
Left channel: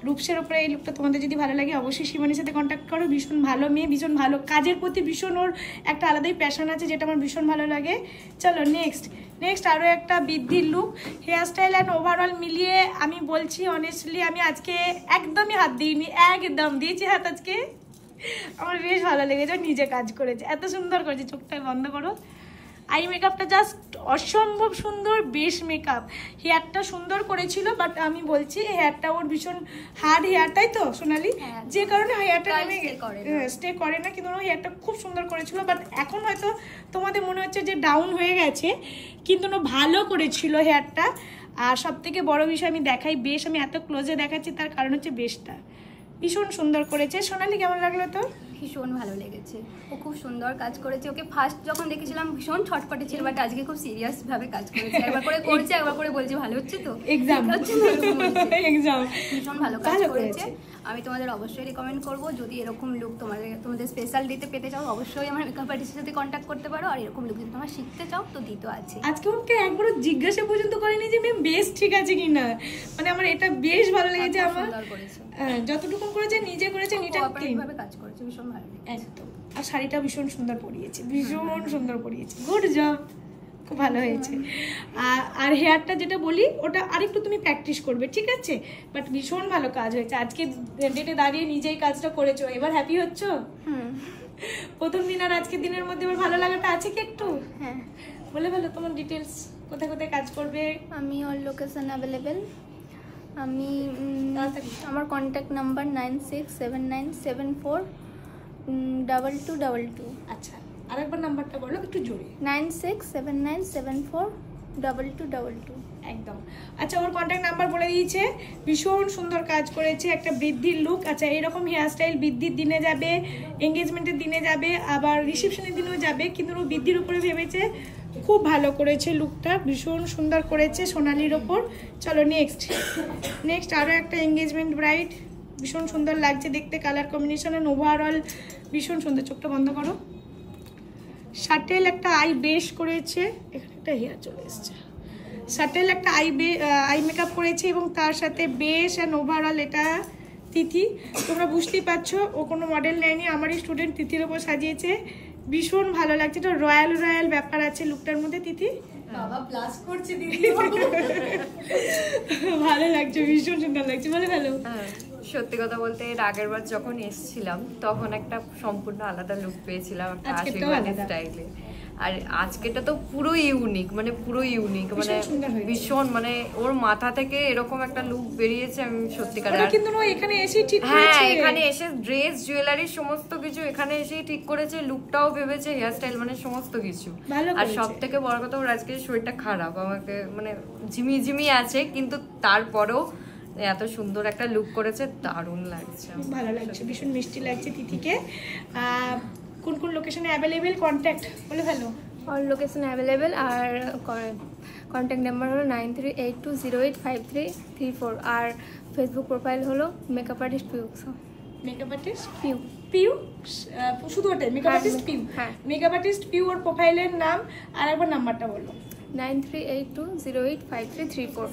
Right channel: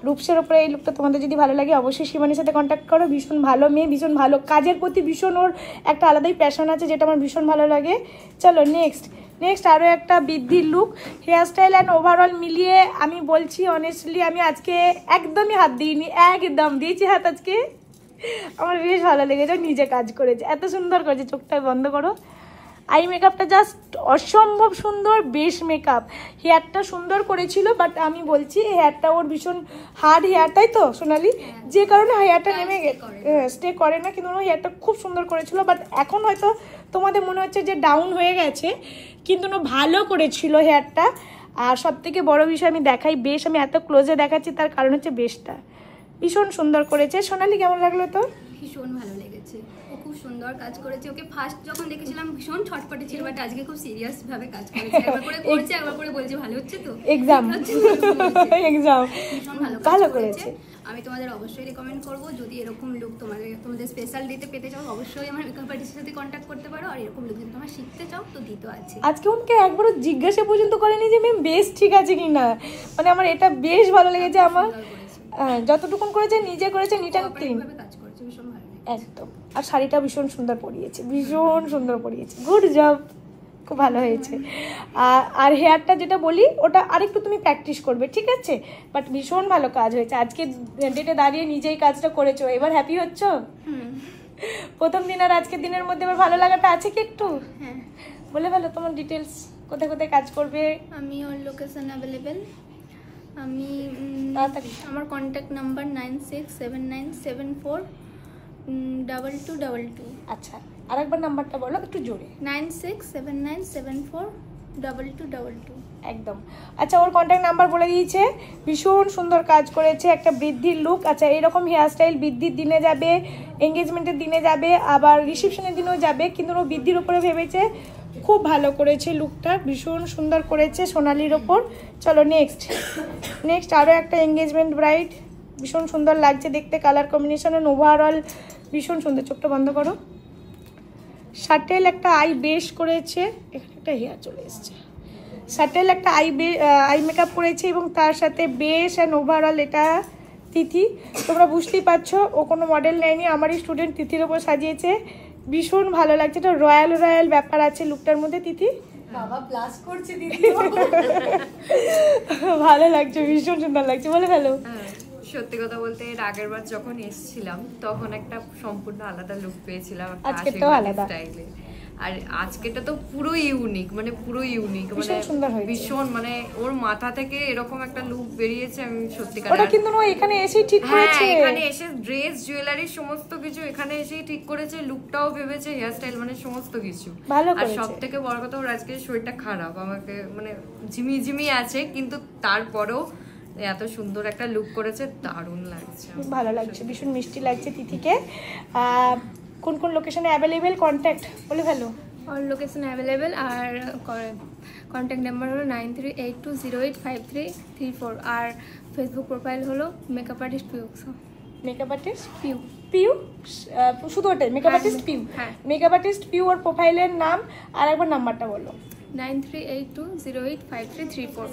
রূপসের ওপরে এই লুকটা তোমাদের যদি ভালো লাগে অবশ্যই শিবানীর সাথে কন্ট্যাক্ট করো। ভীষণ ভালো মেয়ে, ভীষণ ভালো কাজের প্রতি ভীষণ ওর একটা আলাদাই প্যাশন আছে, যেটা আমার ভীষণ ভালো লাগে। চলো নেক্সট আরও একটা বৃদ্ধির look. Hair style and overall মিলিয়ে আমি বলছি অনেস্টলি, আমি আজকে একদমই হাত দিইনি, একদম দিয়েছি হাত আজকে। আমার বেশ ভালো লেগেছে, নিজে কাজ করেছে, এত সুন্দর করেছে। চোখটা বন্ধ করো। আই মেকআপটা জাস্ট অসম্ভব সুন্দর, বেশ মেকআপ। হেয়ারটা সুন্দর করেছিল, বাট আমি বলছি হেয়ারটা ওর ভীষণ হার্ড হেয়ার, তাই তো সোনালি? যে কারণে হেয়ারটা নেমে স্টে করে না, কিন্তু হেয়ারটা খুব সুন্দর করেছিল। বাট এখন হয়তো তোমাদের মনে হচ্ছে যে ডাউন হয়ে গেছে, কিন্তু ভালো করেছিল হেয়ারটা। আর সব থেকে বড় বিষয় আমি দেখাই, বেশ আমি এত ক্লোজে দেখাচ্ছি তার কারণ হচ্ছে বেশটা ভীষণ সুন্দর করেছে। সোনালি কেমন লাগলো তো? ভীষণ ভালো লেগেছে, ও খুব সুন্দর কাজ করেছে। ওকে ফার্স্ট যখন দেখেছিলাম ভীষণ ছটপটে ছিল, বাট আজকে খুব সিরিয়াস ভাবে কাজ করেছে। একবার করে করছে, একবার করে বলছে ভালো হচ্ছে তো, এক্সাম ভীষণ ভালো কাজ করেছে। আমি তোমাদের অবশ্যই রেকমেন্ড করব, যদি এরকম লুক তোমাদের স্পেশাল দিতে পেতে চাও অবশ্যই আমার মেকআপ আর্টিস্টের সাথে কন্ট্যাক্ট করতে পারো। আর এরকম লুক যদি তোমরা শিখতে চাও তো দিতে আছে। আজকে ওকে একবারও জিজ্ঞাসা পর্যন্ত করেনি যে ম্যাম বেশ ঠিক আছে কিনা, মানে আমার এটা বেশ ভালো লেগেছে। আমার যতটুকুন করেছে নিজে করেছে, নিট অ্যান্ড ক্লিন কাজ করেছে, ভীষণ ভালো লেগেছে একদম। আর শাড়িটা ভীষণ সুন্দর পরিয়েছে, ভীষণ সুন্দর পরিয়েছে, গুড জব। খুব ভালো হয়েছে। আর হেয়ারটা যেটা বলি ওটা আরেকটু তুমি প্র্যাকটিস করবে, ঠিক আছে? বাট ভীষণ ভালো কাজ হয়েছে, আজকে ডেটে দাঁড়িয়ে নিজেই কাজটা করেছো, এবার হ্যাপি হচ্ছ? প্রথম দিন আর আজকের দিনের মধ্যে এবার ভালো লাগাটা আছে কি একটু? হ্যাঁ। বলে ভালো তোমার ডিটেলস, কোথায় কোথায় কাজ করবে? আমি অল লোকেশন অ্যাভেলেবেল। আমি আমার কন্ট্যাক্ট নাম্বার 9679742222। আচ্ছা, আরেকবার নাম্বারটা বলো একটু জোরে। 9679742222। একদম। আচ্ছা, ওর কন্ট্যাক্ট নাম্বার বলে দিয়েছে। ভীষণ সুন্দর কাজ করেছে, একটা বৃদ্ধির লুক। আচ্ছা, এইরকম হেয়ারস্টাইল বৃদ্ধির দিনে যাবে, এঙ্গেজমেন্টের দিনে যাবে, আবার রিসেপশনের দিনেও যাবে, কিন্তু ও বৃদ্ধির উপরে ভেবেছে। খুব ভালো করেছে লুকটা, ভীষণ সুন্দর করেছে সোনালির ওপর। চলো নেক্সট আরও একটা এঙ্গেজমেন্ট ব্রাইড, ভীষণ সুন্দর লাগছে দেখতে, কালার কম্বিনেশন ওভারঅল ভীষণ সুন্দর। চোখটা বন্ধ করো। শার্টেল একটা আই বেশ করেছে, এখানে একটা হেয়ার চলে এসছে। শার্টেল একটা আই মেকআপ করেছে এবং তার সাথে বেশ অ্যান্ড ওভারঅল এটা তিথি। তোমরা বুঝতেই পারছো ও কোনো মডেল নেয়নি, আমারই স্টুডেন্ট তিথির ওপর সাজিয়েছে। ভীষণ ভালো লাগছে, এটা রয়্যাল ব্যাপার আছে লুকটার মধ্যে। তিথি বাবা প্লাস করছে দিদি, ভালো লাগছে, ভীষণ সুন্দর লাগছে, বলে ভালো। সত্যি কথা বলতে এর আগের বার যখন এসেছিলাম তখন একটা সম্পূর্ণ আলাদা লুক পেয়েছিলাম একটা আশীর্বাদের স্টাইলে, আর আজকেটা তো পুরো ইউনিক, মানে পুরো ইউনিক, মানে ভীষণ, মানে ওর মাথা থেকে এরকম একটা লুক বেরিয়েছে। আমি সত্যিকার কিন্তু ও এখানে এসেই ঠিক করেছে, হ্যাঁ এখানে এসে ড্রেস জুয়েলারি সমস্ত কিছু এখানে এসেই ঠিক করেছে, লুকটাও ভেবেছে, হেয়ার স্টাইল, মানে সমস্ত কিছু। আর সব থেকে বড় কথা ওর আজকে শরীরটা খারাপ, আমাকে মানে ঝিমি আছে, কিন্তু তারপরেও এত সুন্দর একটা লুক করেছে, দারুণ লাগছে, ভালো লাগছে, ভীষণ মিষ্টি লাগছে তিথিকে। কোন কোন লোকেশনে অ্যাভেলেবেল কন্ট্যাক্ট বলে ফেলো। অল লোকেশন অ্যাভেলেবেল, আর কন্ট্যাক্ট নাম্বার হলো 9382085334, আর ফেসবুক প্রোফাইল হলো makeup artist Piu. Makeup artist Piu শুধু ওটাই? মেকআপ আর্টিস্ট পিউ, হ্যাঁ মেকআপ আর্টিস্ট পিউ। ওর প্রোফাইলের নাম আর একবার নাম্বারটা বলো। 9382085334।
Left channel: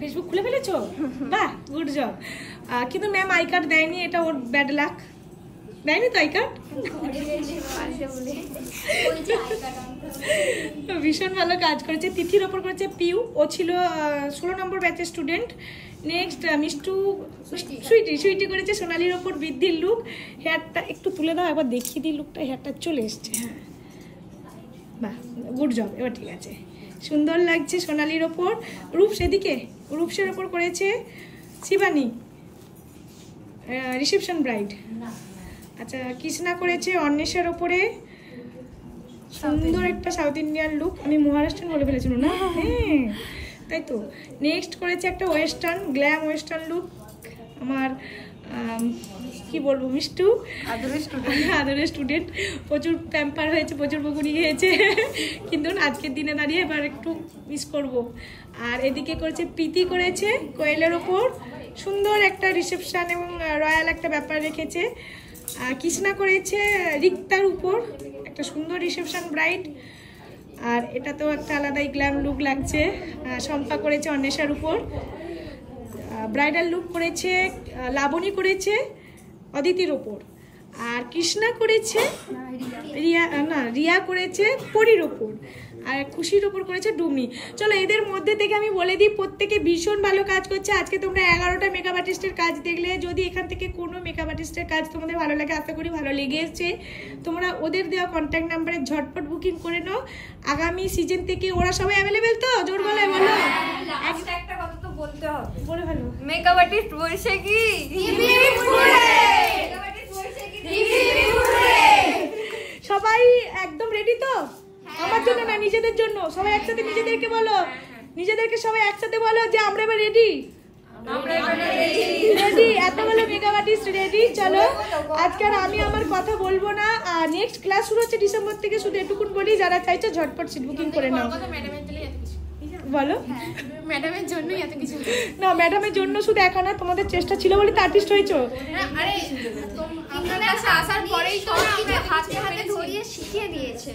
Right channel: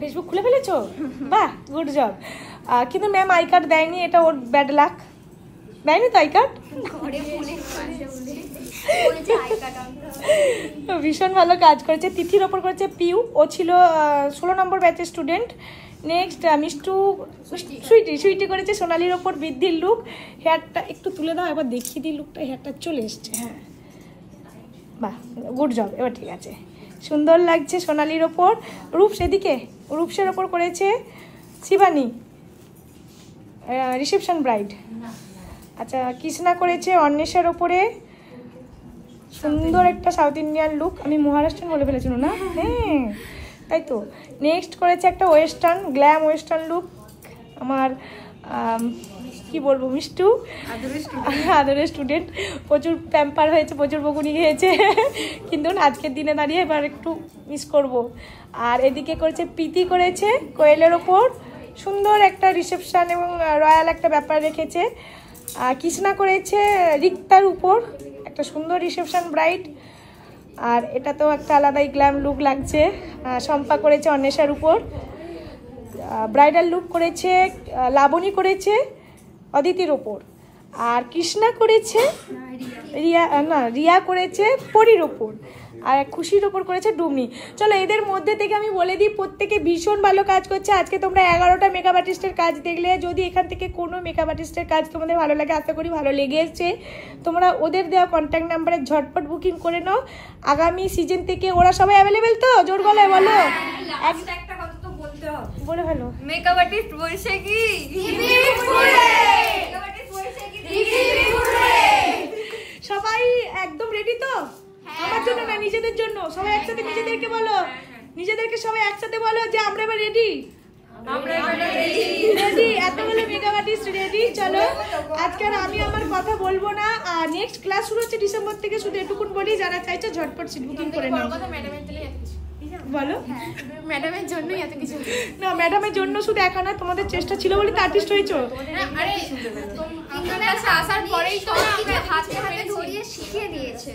ফেসবুক খুলে ফেলেছো? বাহ, গুড জব। কিন্তু ম্যাম আই কার্ড দেয়নি, এটা ওর ব্যাড লাক। দেয়নি তো আই কার্ড? ভীষণ ভালো কাজ করেছে, তিথির ওপর করেছে পিউ। ও ছিল 16 নম্বর ব্যাচের স্টুডেন্ট। নেক্সট সুইটি করেছে সোনালির ওপর বৃদ্ধির লুক। হেয়ারটা একটু তুলে দাও, এবার দেখিয়ে দিই লুকটা। হেয়ারটা চলে এসছে, হ্যাঁ বাহ, গুড জব, এবার ঠিক আছে, সুন্দর লাগছে সোনালির ওপর। রূপসের ওপর করেছে শিবানী, রিসেপশন ব্রাইড। আচ্ছা, কৃষ্ণা করেছে অন্বেষার ওপরে, সুন্দর একটা সাউথ ইন্ডিয়ান লুক। আমি মহারাষ্ট্রান বলে ফেলেছিল না? হ্যাঁ তাই তো। নেক্সট করেছে একটা গ্ল্যাম ওয়েস্টার্ন লুক। আমার কি বলবো, মিষ্টু আদরের স্টুডেন্ট, প্রচুর প্যাম্পার হয়েছে, প্রচুর বকুনি খেয়েছে, কিন্তু আজকের দিনে দাঁড়িয়ে এবার একটু মিস করব। আর এদিকে করেছে প্রীতি, করেছে কোয়েলের ওপর, সুন্দর একটা রিসেপশন এবং রয়্যাল একটা ব্যাপার রেখেছে। কৃষ্ণা করেছে রিক্তার উপর, একটা সুন্দর রিসেপশন ব্রাইড, আর এটা তো একটা আলাদাই গ্ল্যাম লুক লাগছে। শম্পা করেছে অন্বেষার উপর, ব্রাইডাল লুক করেছে লাবণী, করেছে অদিতির ওপর, আর কৃষ্ণা করেছে রিয়া করেছে পরীর ওপর, আর খুশির ওপর করেছে ডুমনি। চলো এদের মধ্যে থেকে আমি বলে দিই, প্রত্যেকে ভীষণ ভালো কাজ করছে। আজকে তোমরা 11টা মেকআপ আর্টিস্টের কাজ দেখলে, যদি এখান থেকে কোনো মেকআপ আর্টিস্টের কাজ তোমাদের ভালো লাগে, আশা করি ভালো লেগে এসছে, তোমরা ওদের দেওয়া কন্ট্যাক্ট নাম্বারে ঝটপট বুকিং করে নাও। আগামী সিজন থেকে ওরা সবাই অ্যাভেলেবেল তো? জোর গলায় বলো। একটা কথা তো বলতে হবে, বলে ফেলো। মেকআপ আর্টিস্ট বৈশাখী সবাই একদম রেডি তো? আমার জন্য না, নিজেদের জন্য। সবাই একসাথে নিজেদেরকে বলো, নিজেদেরকে সবাই একসাথে বলো যে আমরা এবার রেডি। রেডি, এতগুলো মেকআপ আর্টিস্ট রেডি। চলো আজকে আর আমি আমার কথা বলবো না। আর নেক্সট ক্লাস শুরু হচ্ছে ডিসেম্বর থেকে, শুধু এটুকুন বলি, যারা চাইছে ঝটপট সিট বুকিং করে নাও। বলো, ম্যাডামের জন্যই এত কিছু না, ম্যাডামের জন্য শুধু একা না, তোমাদের চেষ্টা ছিল বলে তো আর্টিস্ট হয়েছো। আরে তোমাদের কাছে আসার পরেই তো আমাকে হাতে হাতে ধরিয়ে শিখিয়ে দিয়েছে।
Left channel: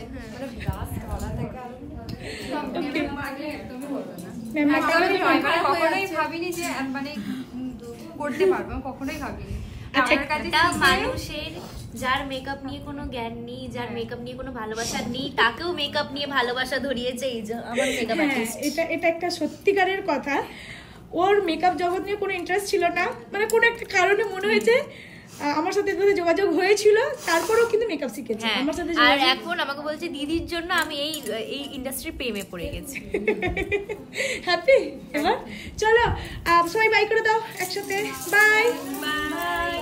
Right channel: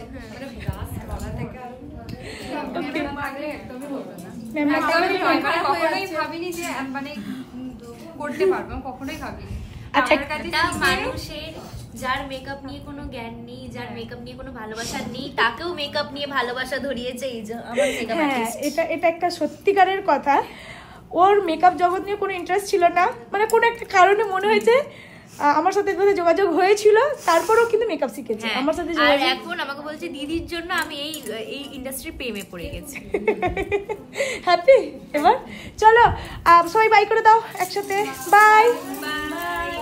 কখনোই ভাবিনি যে মানে করতে পারবো, কখনোই ভাবিনি। একটা মানুষের যার মেকআপ নিয়ে কোনো জ্ঞান নেই, যার মেকআপ নিয়ে কোনো ভালোবাসা নেই, তাকেও মেকআপ নিয়ে ভালোবাসা ধরিয়েছে এই যে আমার মেকআপ আর্টিস্ট। এটা একটা সত্যিকারের কথা। ওর মেকআপ জগৎ নিয়ে কোনো ইন্টারেস্ট ছিল না, মানে কোনো একটা কারণে মনে হয়েছে আমার সাথে যোগাযোগ হয়েছিল, তারপরেও কিন্তু মেকআপ শিখেছে আমার সাথে। আর এখন আমাকে বলছে দিদির জন্য আমি এই ইন্ডাস্ট্রি প্রেমে পড়ে গেছি। হ্যাপি? এবার চলো সবাই বাই করে দাও একসাথে। Bye bye.